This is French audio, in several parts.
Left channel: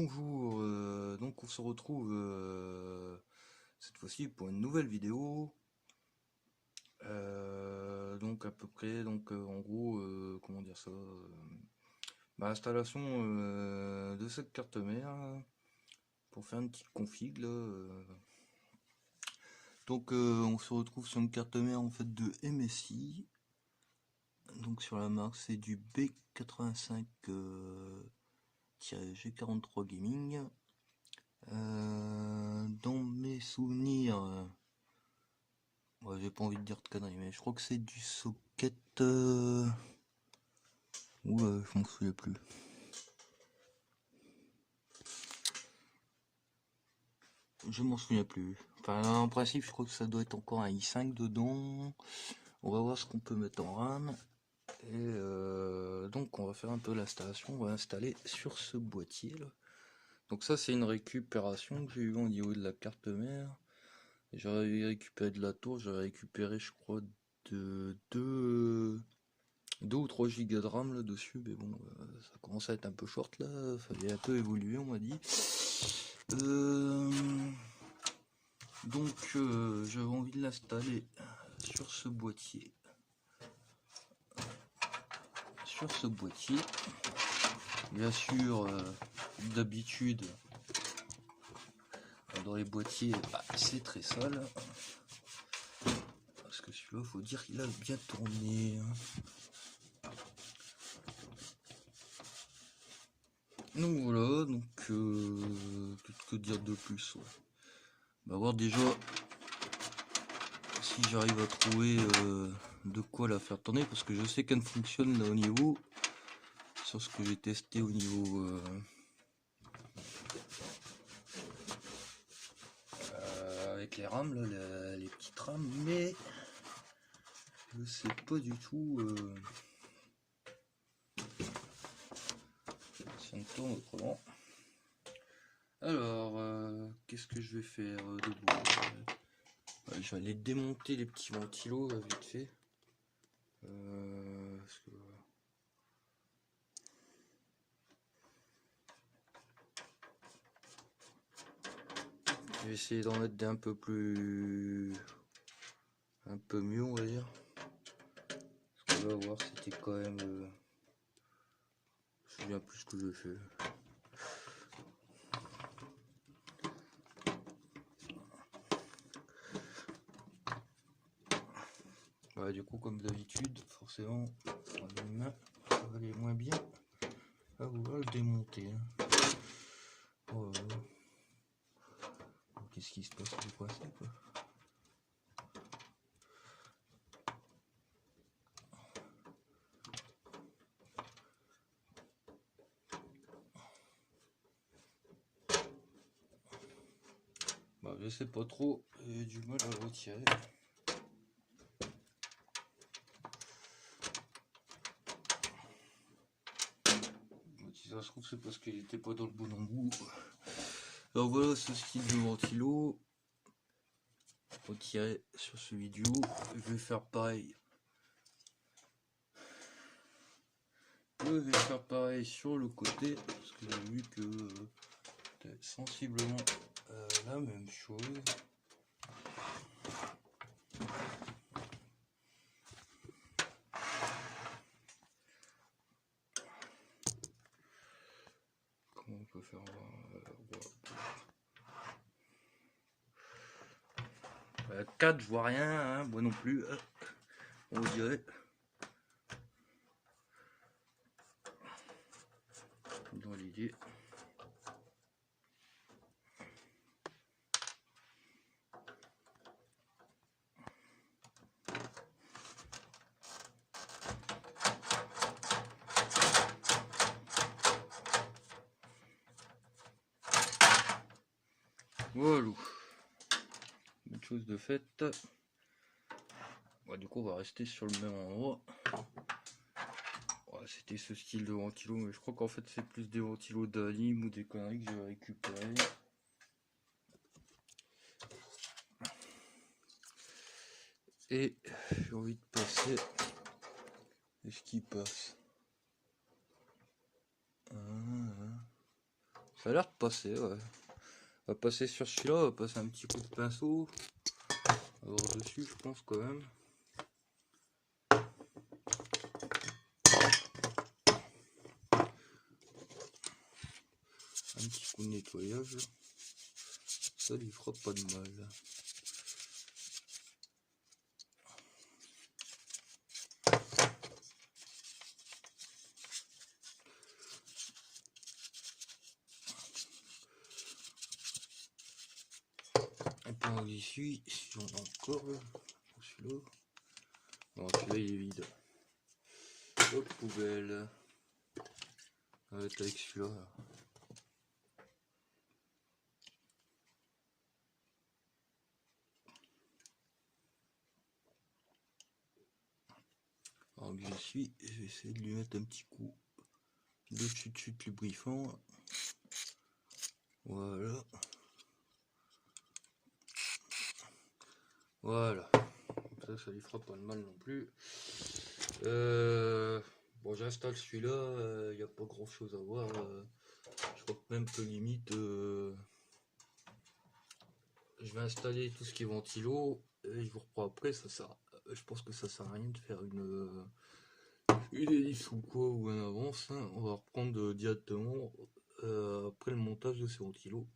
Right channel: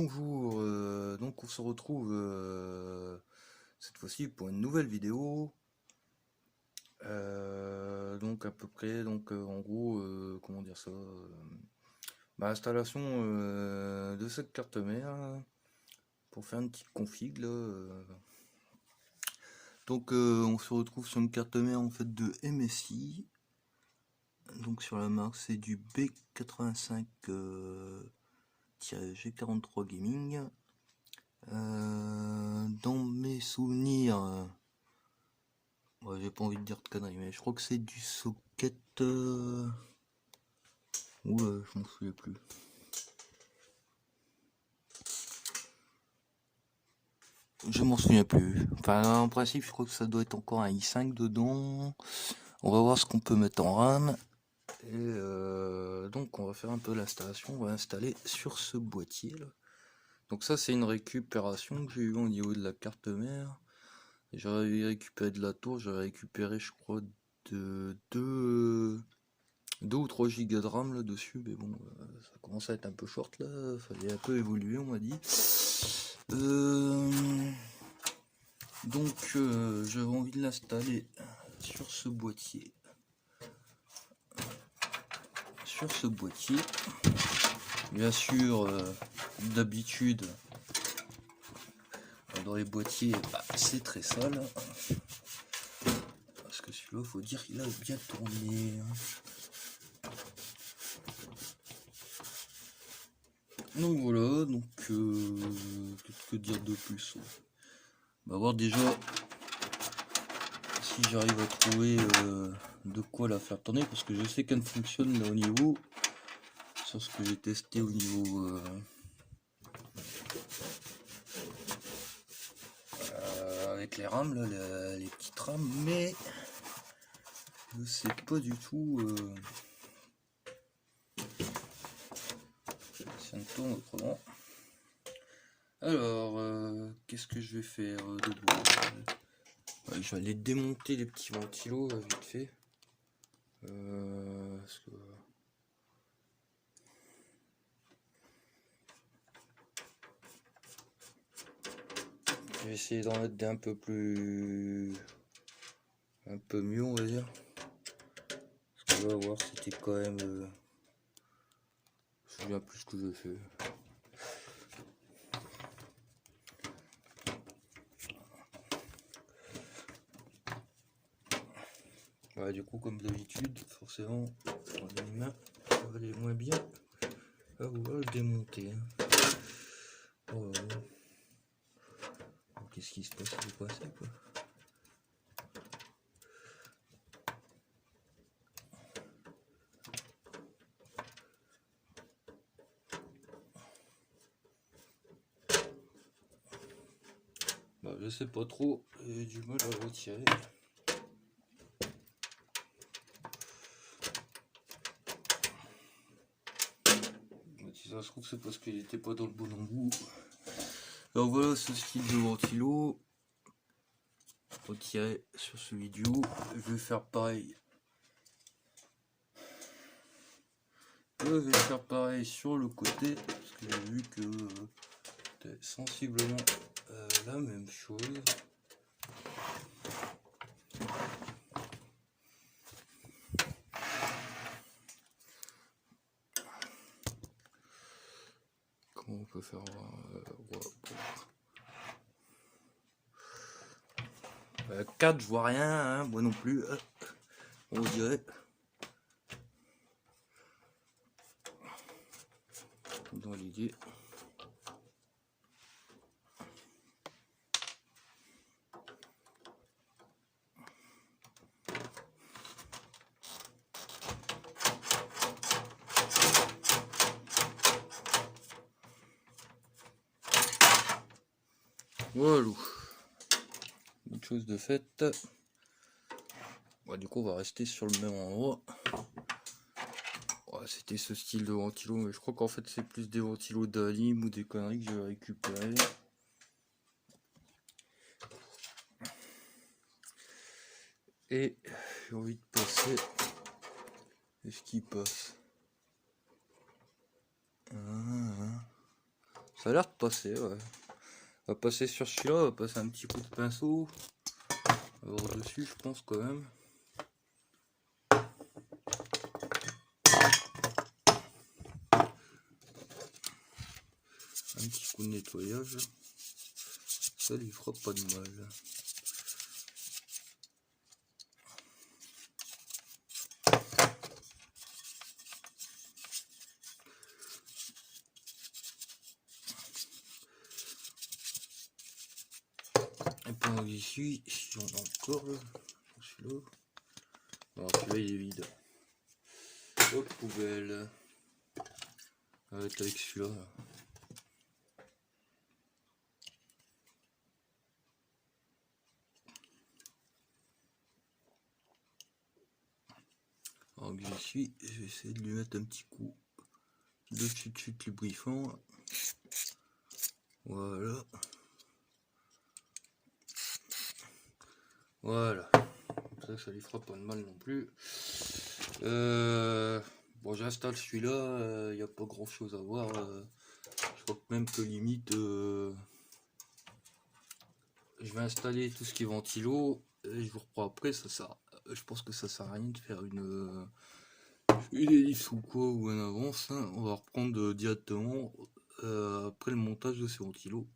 Bonjour, donc on se retrouve cette fois-ci pour une nouvelle vidéo. Donc à peu près, en gros, comment dire ça, ma installation de cette carte mère pour faire une petite config là. Donc on se retrouve sur une carte mère en fait de MSI. Donc sur la marque c'est du B85 G43 Gaming. Dans mes souvenirs, j'ai pas envie de dire de conneries, mais je crois que c'est du socket. Oula, je m'en souviens plus. Je m'en souviens plus. Enfin, en principe, je crois que ça doit être encore un i5 dedans. On va voir ce qu'on peut mettre en RAM. Et donc, on va faire un peu l'installation. On va installer sur ce boîtier là. Donc, ça, c'est une récupération que j'ai eu au niveau de la carte mère. J'avais récupéré de la tour, j'avais récupéré, je crois, de 2 ou 3 gigas de RAM là dessus, mais bon, ça commence à être un peu short là, fallait un peu évoluer, on m'a dit. Donc, j'avais envie de l'installer sur ce boîtier. Bien sûr, d'habitude, dans les boîtiers, c'est très sale. Parce que celui-là, faut dire qu'il a bien tourné. Donc voilà, qu'est-ce que dire de plus? On va voir déjà si j'arrive à trouver de quoi la faire tourner, parce que je sais qu'elle fonctionne là, au niveau, sur ce que j'ai testé au niveau avec les rames, là, les petites rames, mais je sais pas du tout si on tourne autrement. Alors, qu'est-ce que je vais faire de beau? Je vais aller démonter les petits ventilos vite fait. Parce que... je vais essayer d'en mettre des un peu mieux, on va dire. Parce que là, on va voir, c'était quand même... je me souviens plus ce que j'ai fait. Ouais, du coup, comme d'habitude, forcément, dans les mains, ça va aller moins bien à vouloir le démonter. Oh, qu'est-ce qui se passe? Il est coincé, quoi. Je sais pas trop, j'ai du mal à le retirer. Si ça se trouve, c'est parce qu'il était pas dans le bon embout. Alors voilà ce style de ventilo. Retirer sur celui du haut. Je vais faire pareil. Je vais faire pareil sur le côté, parce que j'ai vu que c'était sensiblement la même chose. Comment on peut faire 4, je vois rien, hein, moi non plus. On dirait. Dans l'idée. Voilà. Une chose de faite. Du coup, on va rester sur le même endroit. C'était ce style de ventilo, mais je crois qu'en fait, c'est plus des ventilos d'Alim ou des conneries que j'ai récupéré. Et j'ai envie de passer. Est-ce qu'il passe? Ça a l'air de passer, ouais. On va passer sur celui-là, on va passer un petit coup de pinceau. Alors dessus, je pense quand même. Un petit coup de nettoyage. Ça lui fera pas de mal. Et puis on essuie, si on a encore celui-là. Alors celui-là il est vide. Autre poubelle. On va être avec celui-là. Alors que j'essuie, je vais essayer de lui mettre un petit coup de chute lubrifiant. Voilà. Voilà. Ça lui fera pas de mal non plus. Bon, j'installe celui-là. Il n'y a pas grand chose à voir. Je crois que même que limite, je vais installer tout ce qui est ventilo. Et je vous reprends après. Je pense que ça sert à rien de faire une hélice ou quoi ou en avance. Hein. On va reprendre directement après le montage de ces ventilos.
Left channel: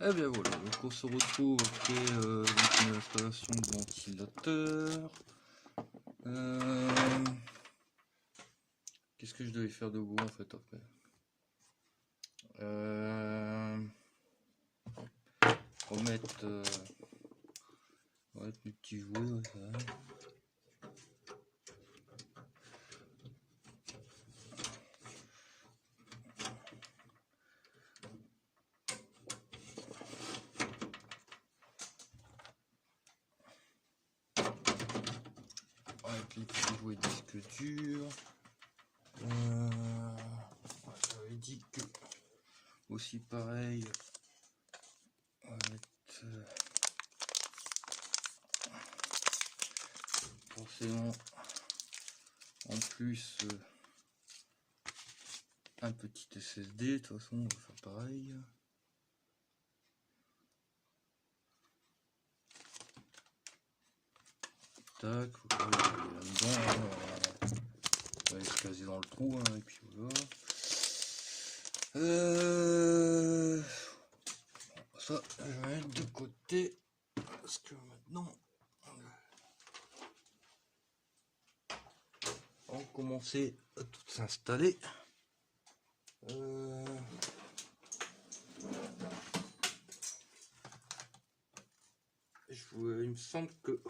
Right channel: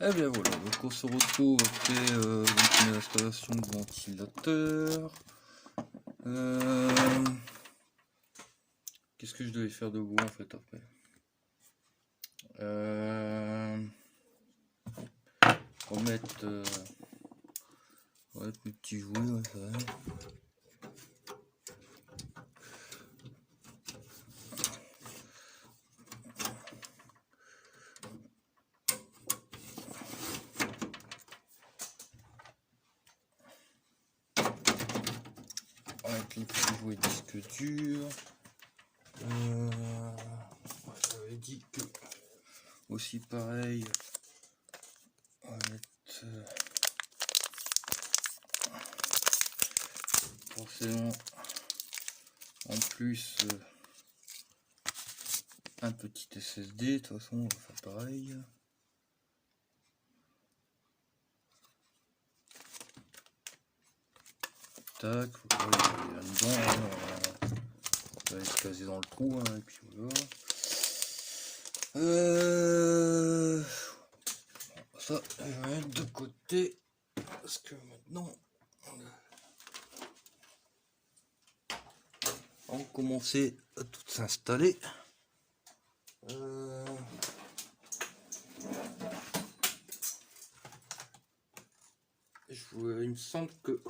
Et bien voilà, donc on se retrouve après l'installation du ventilateur. Qu'est-ce que je devais faire de vous en fait après? Remettre mes petits jouets, ouais, ça va. Avec les petits jouets disque dur. J'avais dit que aussi pareil. On va mettre forcément en plus un petit SSD. De toute façon, on va faire pareil. Tac, faut pas aller là-dedans. On va se caser dans le trou, hein, et puis voilà. Ça, je vais mettre de côté parce que maintenant on va commencer à tout s'installer. Il me semble que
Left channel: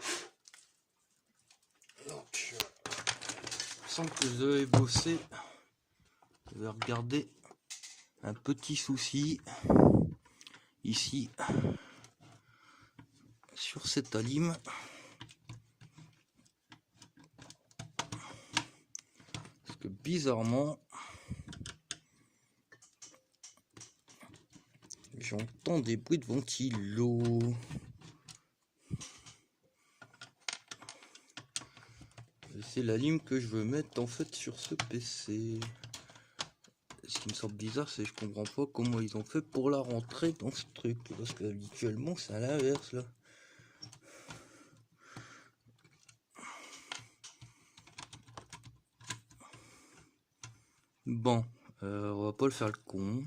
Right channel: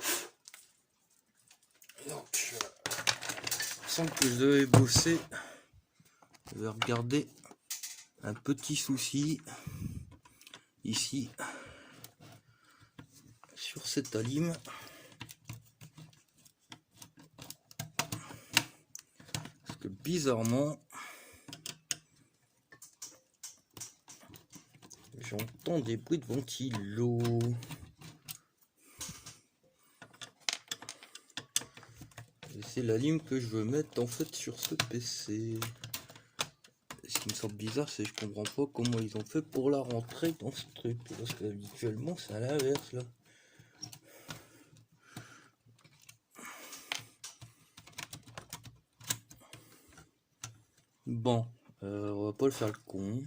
je devais bosser. Je vais regarder un petit souci ici sur cette alim. Parce que bizarrement j'entends des bruits de ventilo. C'est la lime que je veux mettre en fait sur ce PC. Ce qui me semble bizarre, c'est que je comprends pas comment ils ont fait pour la rentrer dans ce truc. Parce que habituellement c'est à l'inverse là. Bon, on va pas le faire le con.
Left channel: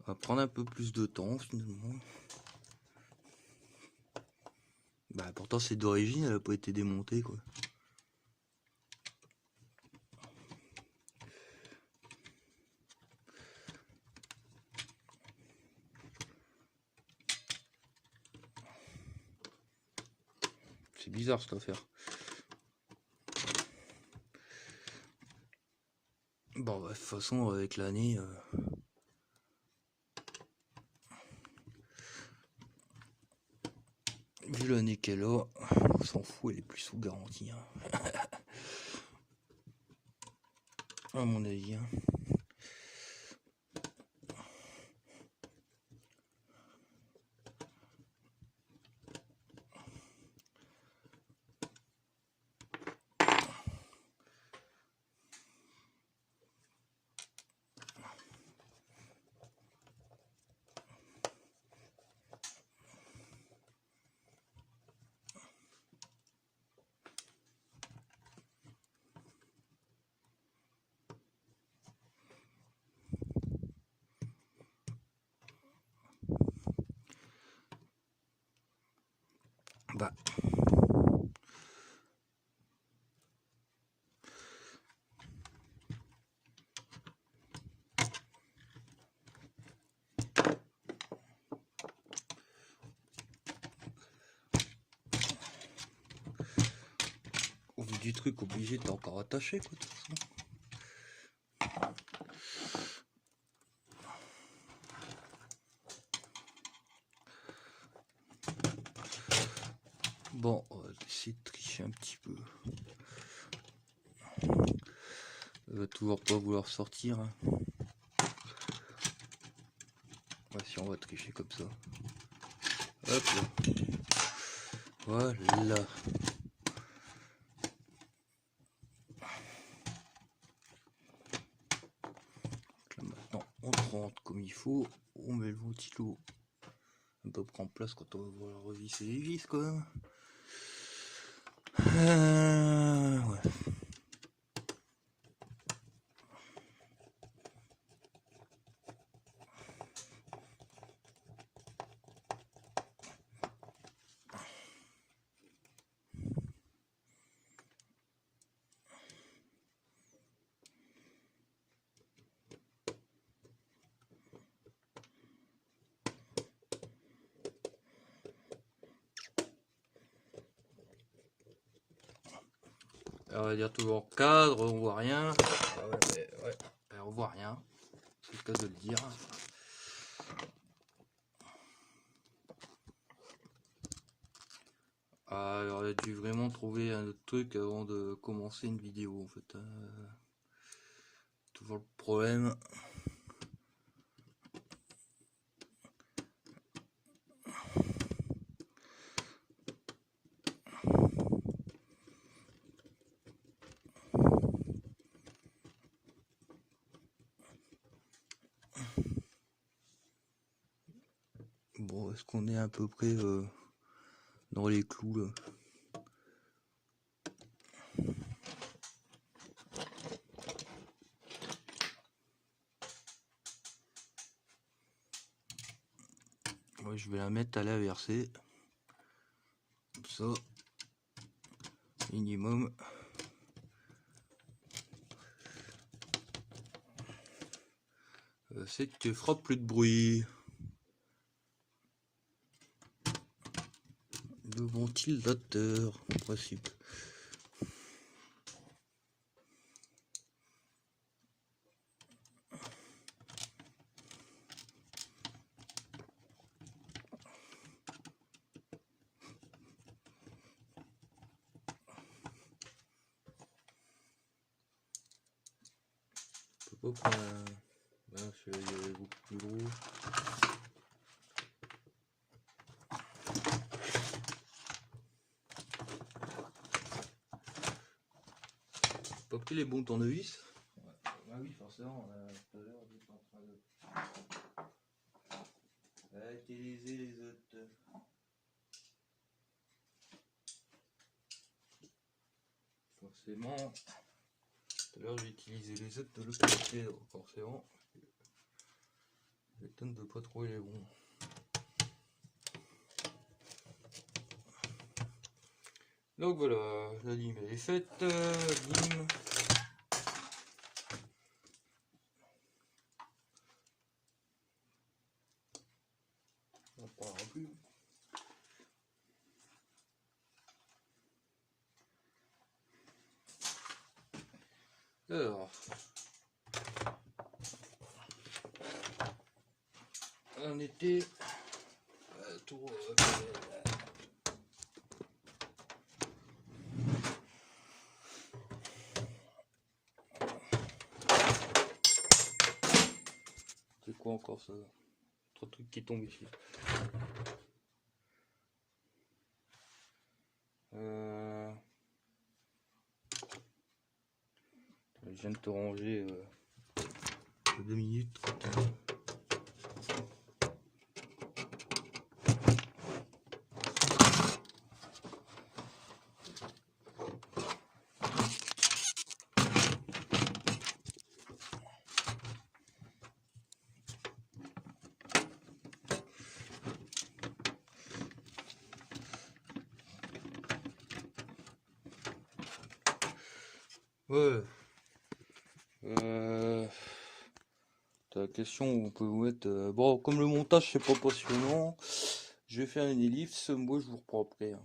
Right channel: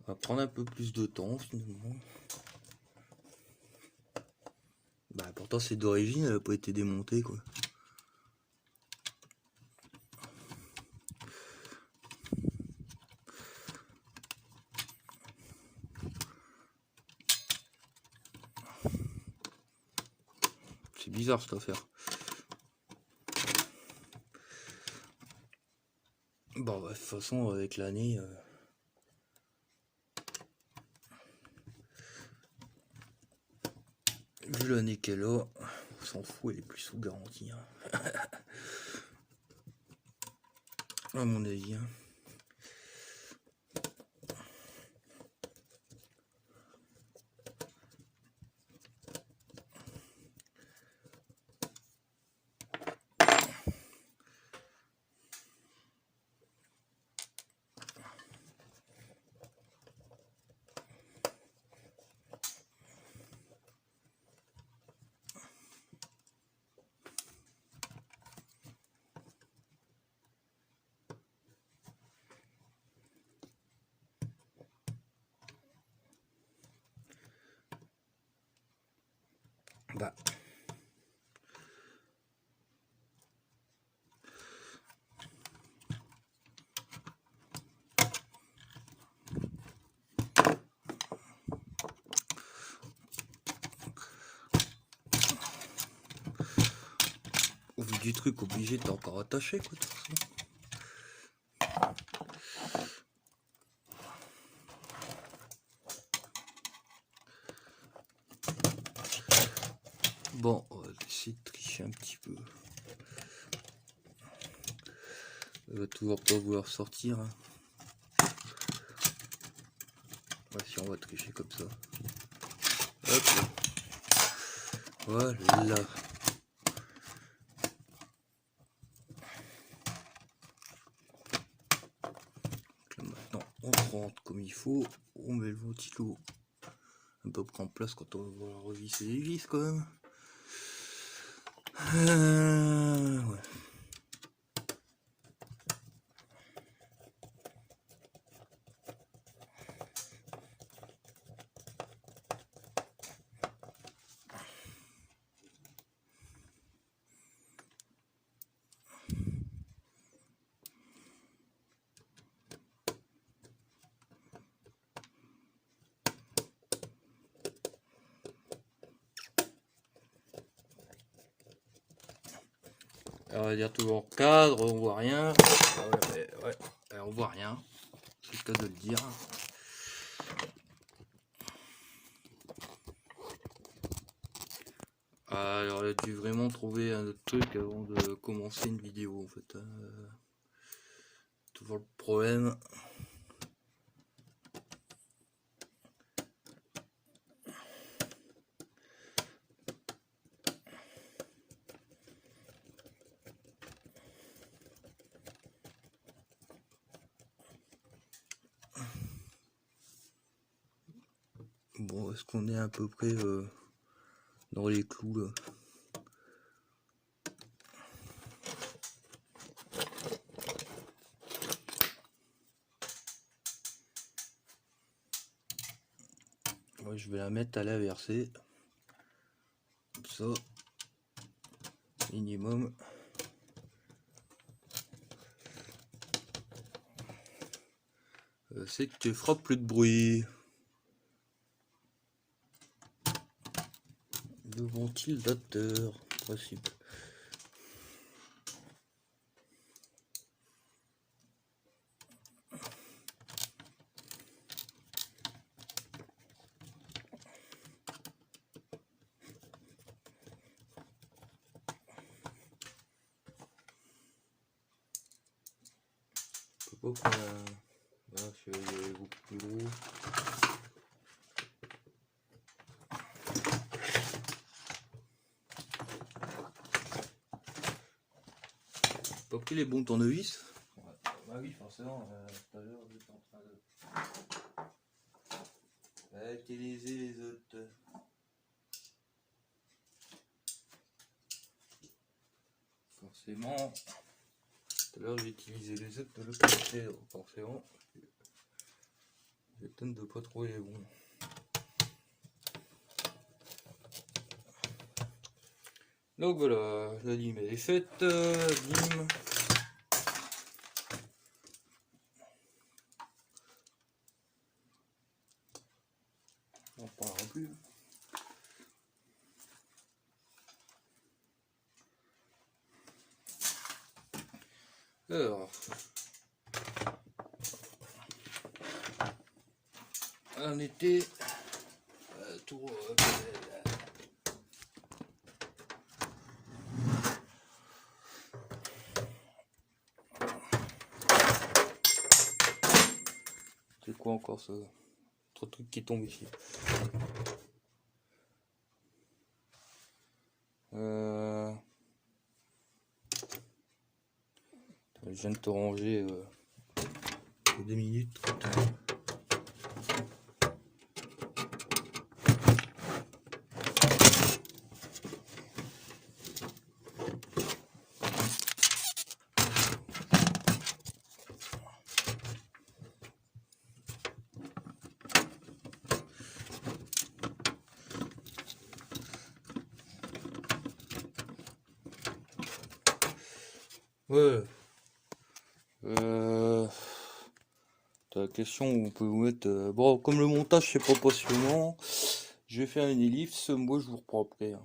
On va prendre un peu plus de temps finalement. Bah pourtant c'est d'origine, elle n'a pas été démontée quoi. C'est bizarre cette affaire. Bon bah, de toute façon avec l'année... vu l'année qu'elle a, on s'en fout, elle est plus sous garantie. Hein. À mon avis. Hein. Voilà. Au vu du truc, obligé, t'es encore attaché, quoi, de toute façon. Bon, on va essayer de tricher un petit peu. Elle va toujours pas vouloir sortir. Hein. Ouais, si on va tricher comme ça. Hop. Voilà. Donc là, maintenant, on rentre comme il faut. On met le ventilo un peu près en place quand on va vouloir revisser les vis quand même. Ouais. Alors, on va dire toujours cadre, on voit rien. Ouais. Alors, on voit rien, c'est le cas de le dire. J'aurais dû vraiment trouver un autre truc avant de commencer une vidéo en fait. Toujours le problème. Bon, est-ce qu'on est à peu près dans les clous là? Ouais, je vais la mettre à l'inversée. Comme ça. Minimum. C'est que tu feras plus de bruit. Le ventilateur, en principe. Là, c'est beaucoup plus gros. Pas pris les bons tournevis. Ouais. Bah oui, forcément, tout à l'heure j'étais en train de utiliser les autres. Forcément, tout à l'heure j'ai utilisé les autres de l'autre côté, donc forcément, j'étonne de pas trouver les bons. Donc voilà, la lime est faite, lime. On ne parlera plus. Alors, on était tout. C'est quoi encore ça? Trop de trucs qui tombent ici. Je viens de te ranger 2 minutes. Ouais. La question où on peut vous mettre... bon, comme le montage c'est pas passionnant, je vais faire une ellipse, moi je vous reprends après, hein.